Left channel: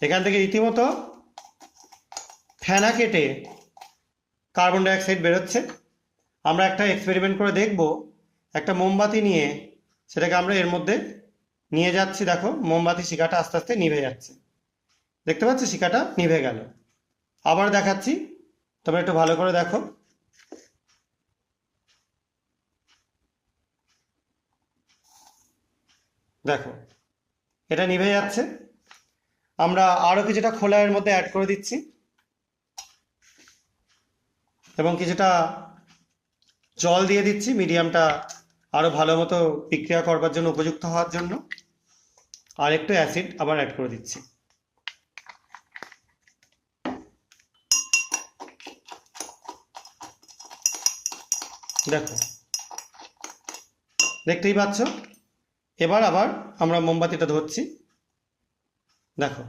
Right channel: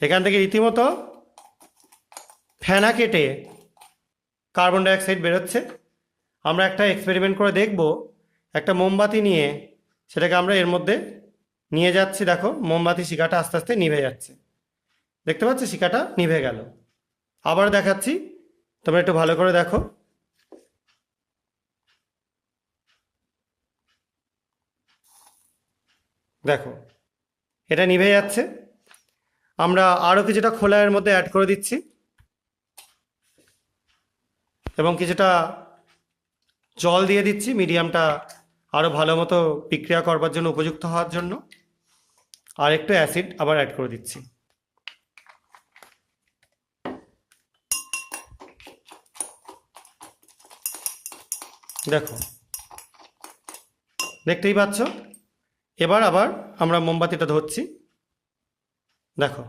এখান থেকে রীতিমতো ফেনা কেটে কার্বন ডাইঅক্সাইড বেরোচ্ছে। আমরা একটা এক্সপেরিমেন্ট করে দেখব, একটা মোমবাতি নিয়ে সেটাকে আমরা এর মধ্যে নিয়ে যাচ্ছি। দেখো মোমবাতি শিখাটা আস্তে আস্তে নিভে যাচ্ছে, দেখতে পাচ্ছি শিখাটা নিভে গেল। আবার দেখাচ্ছি, তোমরা একটু ভালো করে দেখো। দেখো এটা নিভে যাচ্ছে। আমরা আরও কিছুটা খোলা এর মধ্যে অ্যাড করে দিচ্ছি এবং কিছুটা জল দিয়ে দিচ্ছি মিডিয়ামটা আরও ভালো মতো বিক্রিয়া করবার জন্য, উপযুক্ত হওয়ার জন্য। আর একটু অ্যাসিড আবার অ্যাড করে দিচ্ছি। দেখো, দেখতেই পাচ্ছ। এবার আবার আমরা মোমবাতিটা ধরছি। দেখো